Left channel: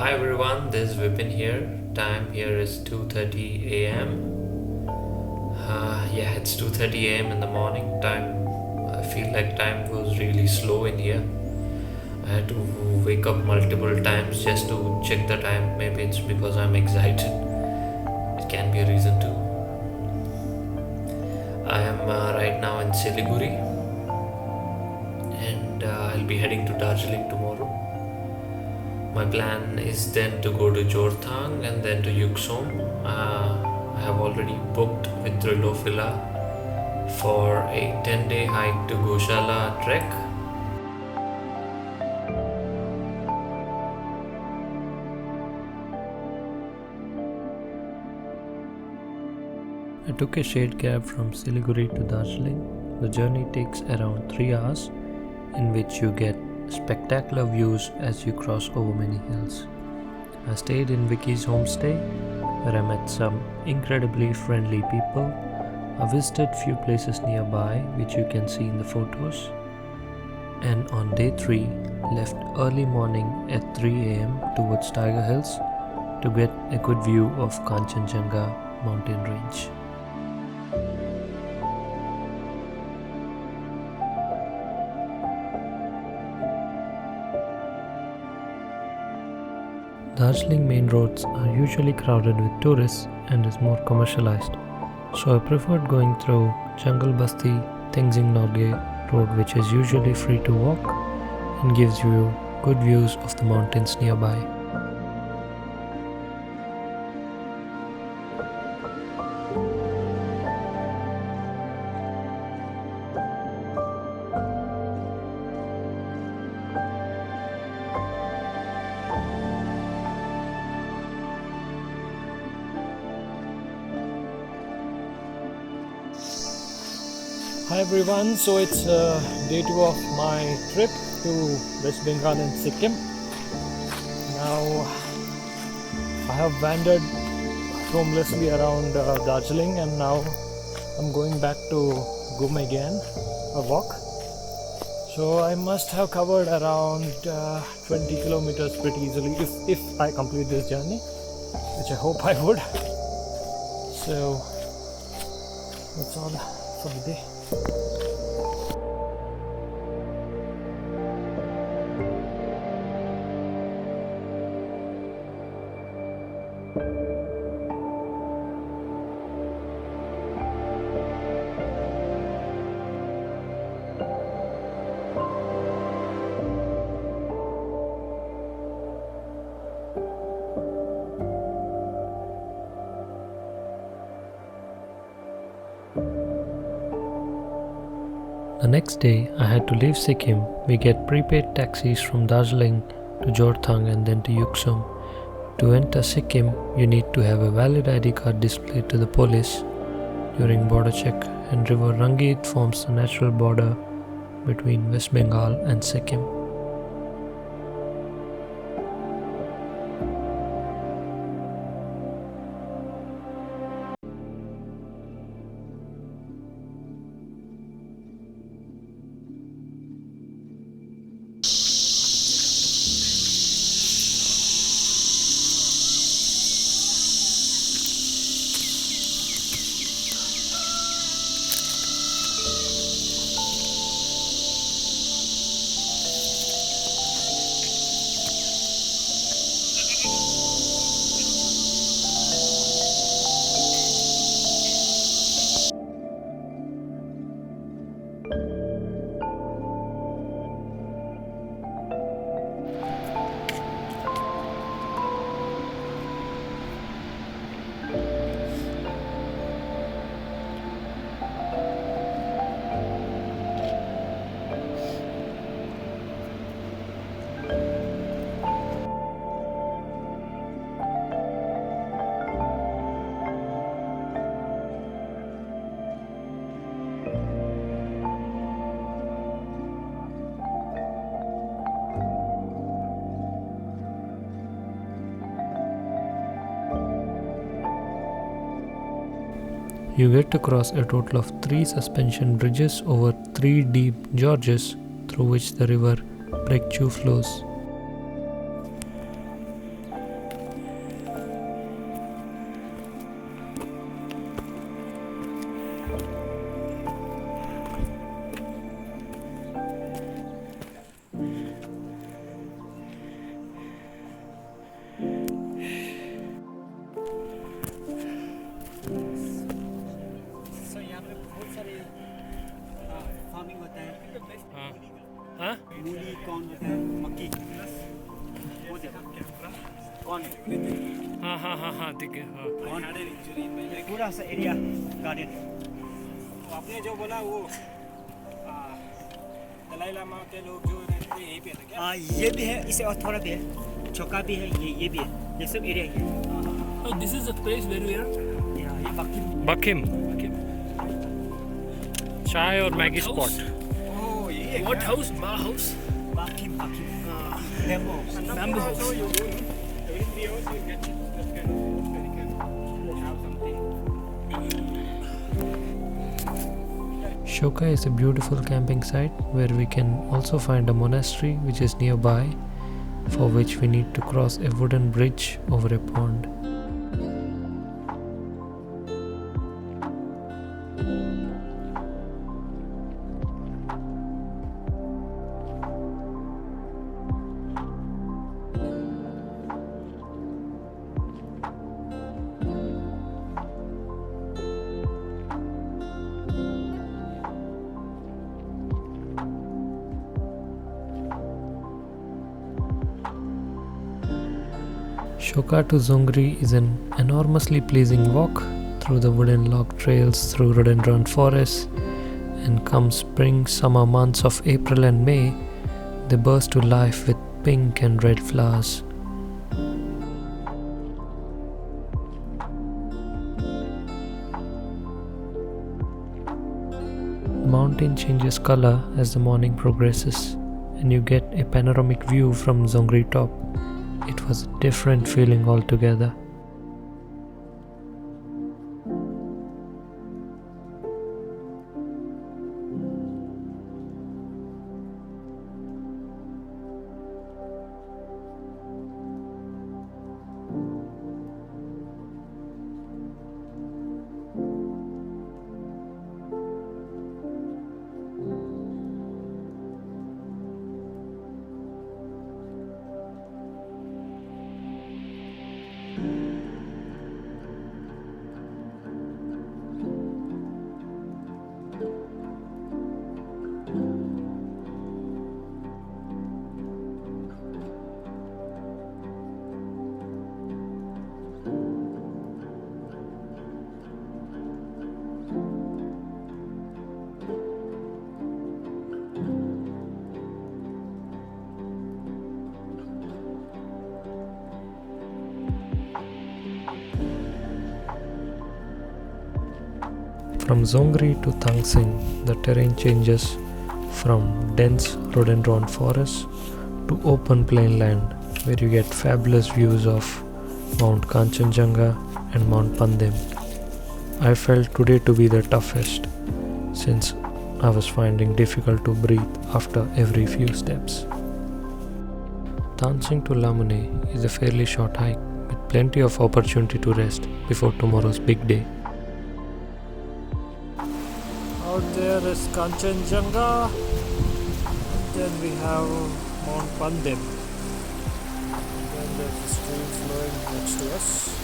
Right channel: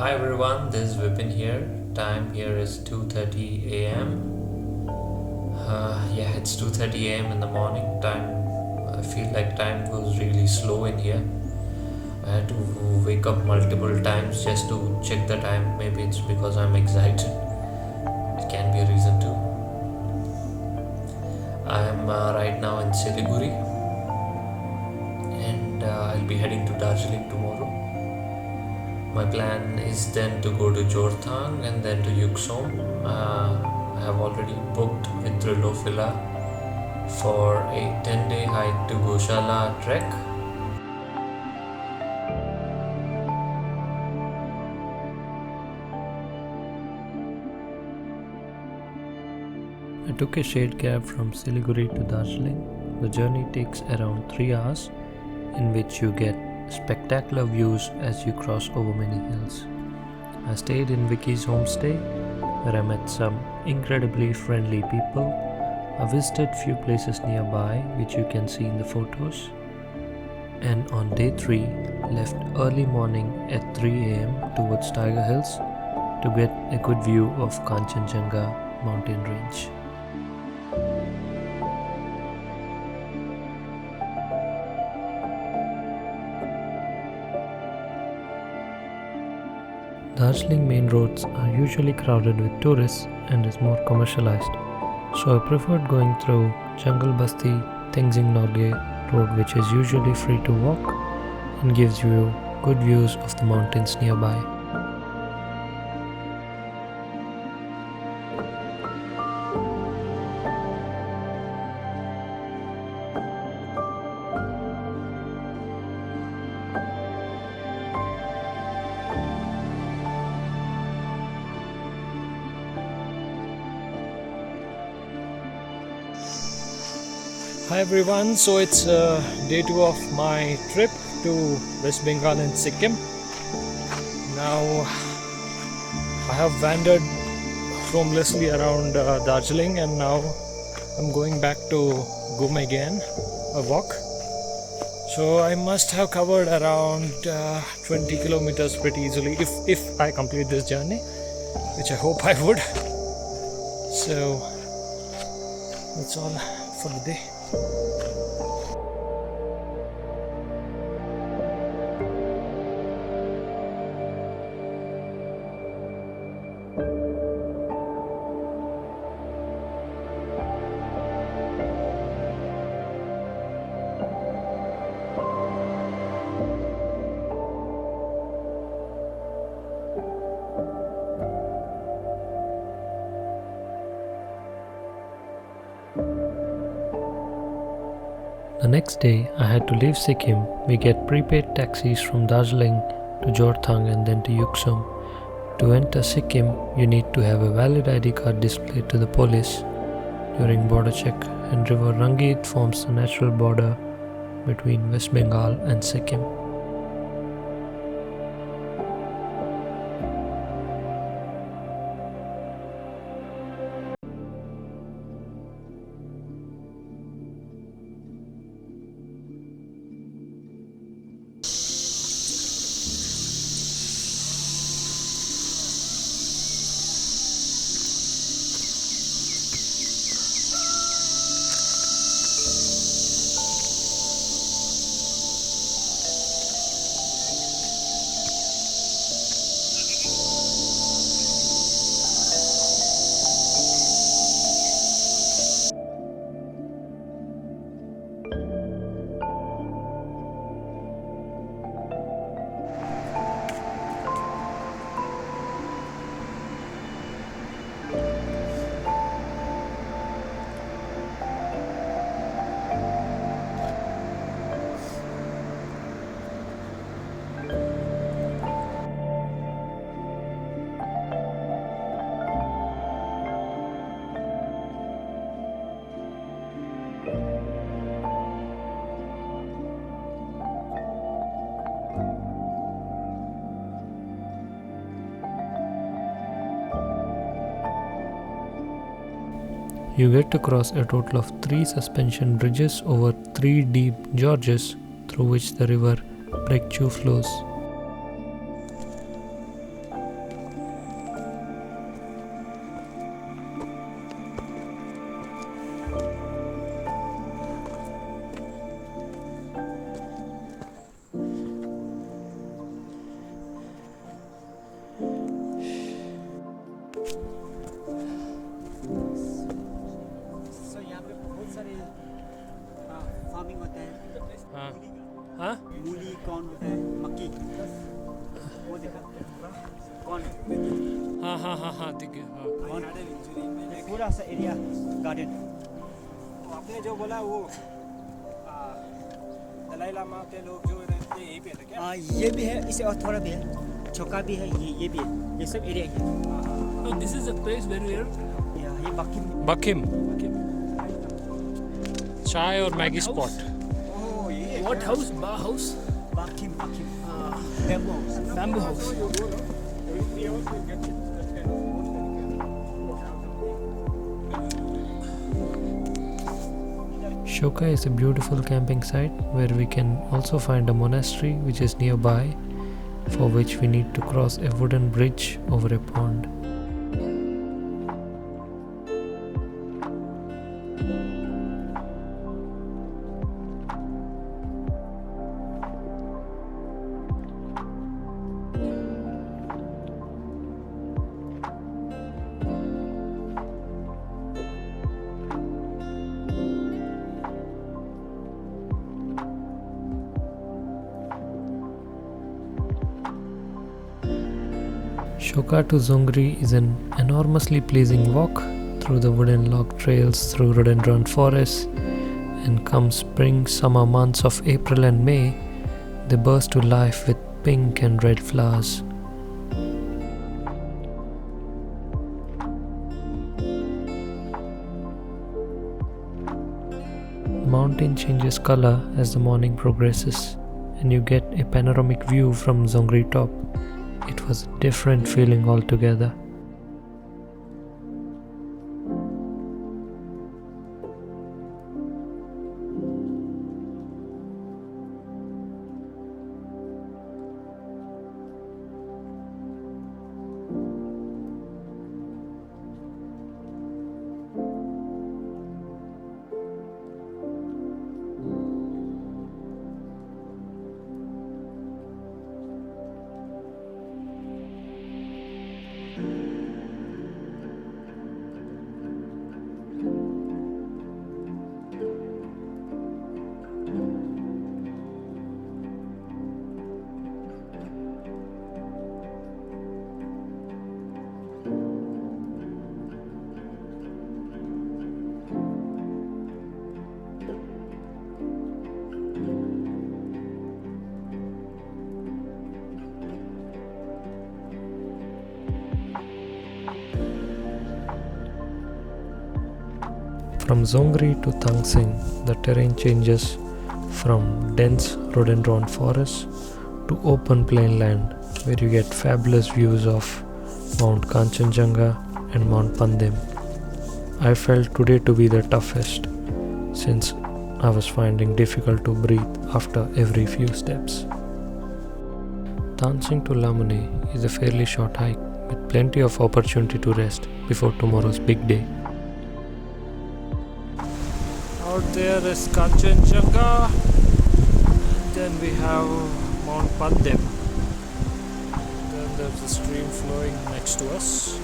Hi everyone, this is Vipin here. Time here is 2:30 a.m. It's 2:30 a.m. in the morning. I feel like time goes really slow in here. I had to wake up multiple times just to check the time. Maybe it's because I'm excited. It can be a reason too. I am right now in Siliguri, and I'll be heading to Darjeeling tomorrow. My plan is then to go to Jorthang and then to Yuksom. I have already booked with Thrilophila for a 10-day hike to Goechala trek. I took a shared cab from Siliguri to Darjeeling. The journey takes around 3 hours, in which you get spectacular views as you cross over many hills. I stayed in Vicky's homestay, where I met some incredibly friendly people. I visited few places nearby, which you can see in the photos. And on day 3, left early morning at 3 a.m. towards Tiger Hills to get a good view of Kanchenjunga mountain range. Darjeeling main roads are usually crowded with tourists and is more commercialized, so I preferred going through Jungle Basti Tenzing Norgay road, which is usually free to walk and gives you good views of the mountains nearby. Hi everyone, so it's day 2 of my trip to West Bengal and Sikkim. Now I have wandered aimlessly around Darjeeling, and now I'm going back to Gum again, a walk. So I must have covered around 20 kilometers pretty easily if I complete this journey, which I hope I would. So that's all for the day. The next day, I had to leave Sikkim. We get prepaid taxis from Darjeeling to Jorthang and then to Yuksom. To enter Sikkim, you need to have a valid ID card displayed to the police during border check, and River Rangit forms the natural border between West Bengal and Sikkim. You get to cross a total of 3 suspension bridges over 3 deep gorges through which the river Breakthrough flows. यहाँ पे बहुत सारे farming होता है। हाँ हाँ मूली कौन होता है, मक्की, वो देखा कौन, हाँ हाँ हाँ हाँ ठीक है हाँ। ये पूरा सा एरिया गार्डन। आपने जो बोला वो दलाई लामा के लोग जो रहते हैं यहीं पे थे क्या? ये भी है, इसे और थोड़ा भी है, चौका भी है, ये भी है, ये सब एरिया है। So this is the place where we are. ये बाकी बकिम चाय और मैगी स्पॉट। Oh, ये What house? Bar house? बाकी bamboo house. Bamboo house. So you go, no? So in 3 hours you get it, that kind of work that you can have something. Shoka is a beautiful camping site where we can also find a monastery which is nearby, for which we need to cross a wooden bridge over a pond. Shoka to Dzongri is an enormously pleasing walk through the wooden log trails through rhododendron forests, and come spring summer months of April and May, they burst to life with pink and red flowers. The mountain changes color as the morning progresses, and you get a panoramic view from Dzongri top. It was a different feeling altogether. From Dzongri to Tangsing, the terrain changes from dense rhododendron forests to open plain land where you get fabulous views of Mount Kanchenjunga and Mount Pandim. I felt today to be the toughest since I was finding difficult to breathe after every few steps. Tangsing to Lamune is a fairly short hike with plenty of opportunity to rest before tomorrow's big day. Out there is Kanchenjunga, and then we have Mount Pandim. Then there's a stream flowing next to us.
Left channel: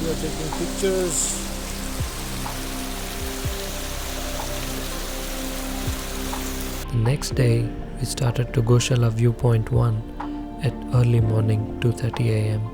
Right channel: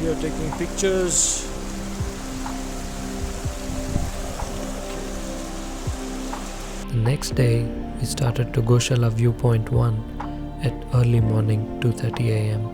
We are taking pictures. The next day, we started to Goechala Viewpoint 1 at early morning 2:30 am.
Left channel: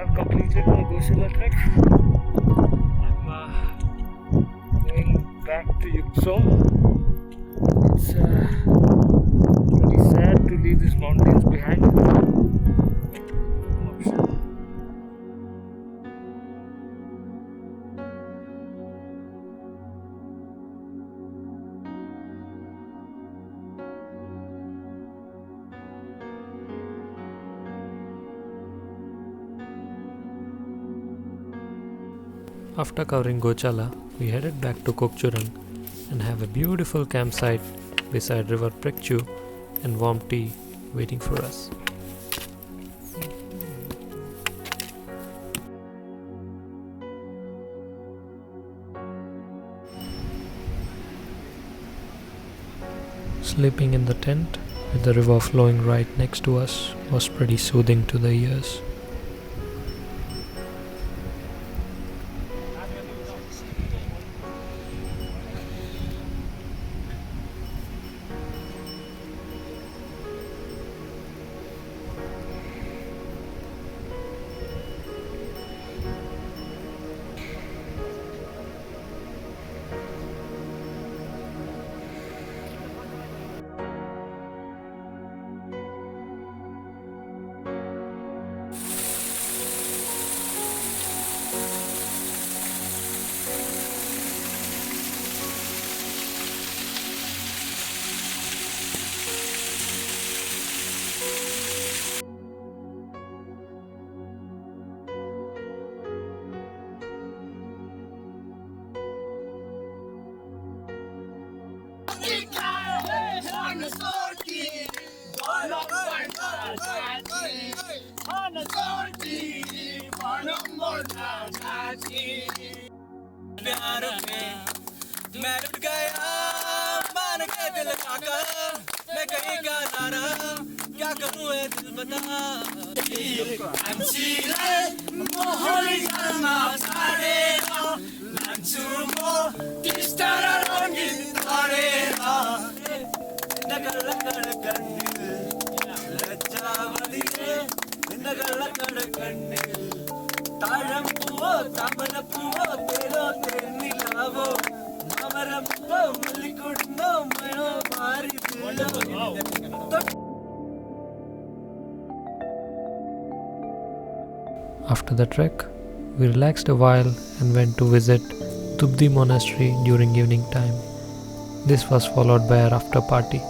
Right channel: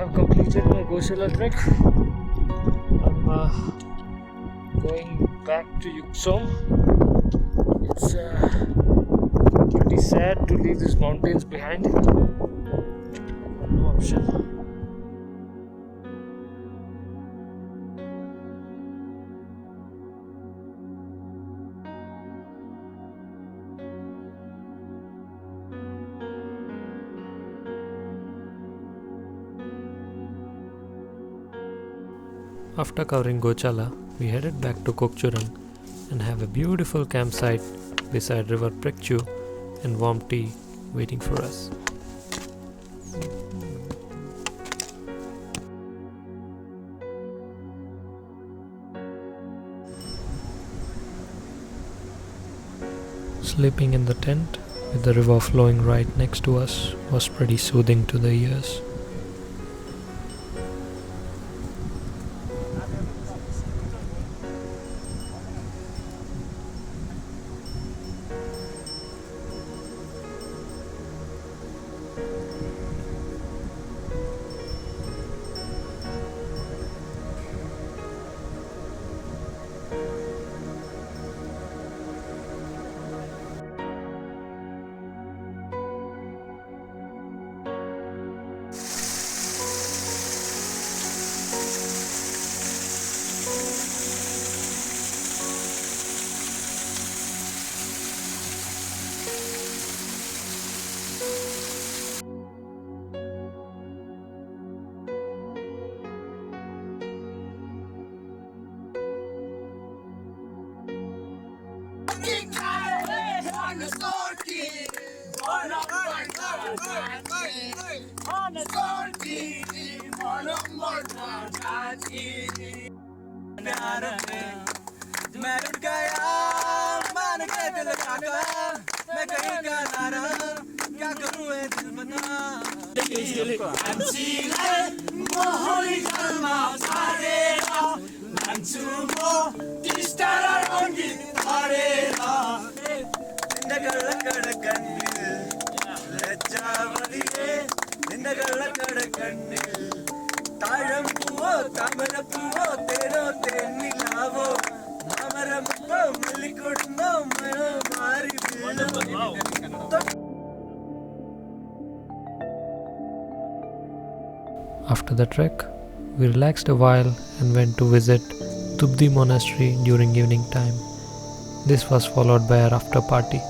have completed my Goechala trek. I'm going back to Yuksong. It's pretty sad to leave these mountains behind. No option. After covering Goechala, we headed back to Kokchurang and have a beautiful campsite beside River Prikchu and warm tea waiting for us. Sleeping in the tent with the river flowing right next to us was pretty soothing to the ears. प्यारों में मैं लुट गया मान के दिल का मैं कहीं का ना रहा क्या करूँ ये दिल बता 안치래 모호리 가르마 사레라 난추모 디스타라론 깃타레라 നിന്നകളക്കട കണ്ണിൽ ലജ്ജാവതിയെ നിന്നകളക്കട കണ്ണിൽ താഴം പൂവോ താമരപ്പൂവോ തേനോ തെന്നിലാവോ മാമരമുപ്പോ മല്ലിക്കൊടുമ്പോ മഴോ മാറി വീണോ After the trek, we relaxed a while and went to visit Tubdi Monastery during evening time. This was followed by our after party.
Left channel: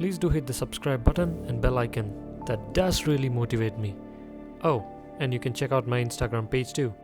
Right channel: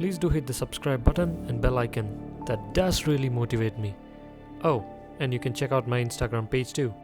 Please do hit the subscribe button and bell icon. That does really motivate me. Oh, and you can check out my Instagram page too.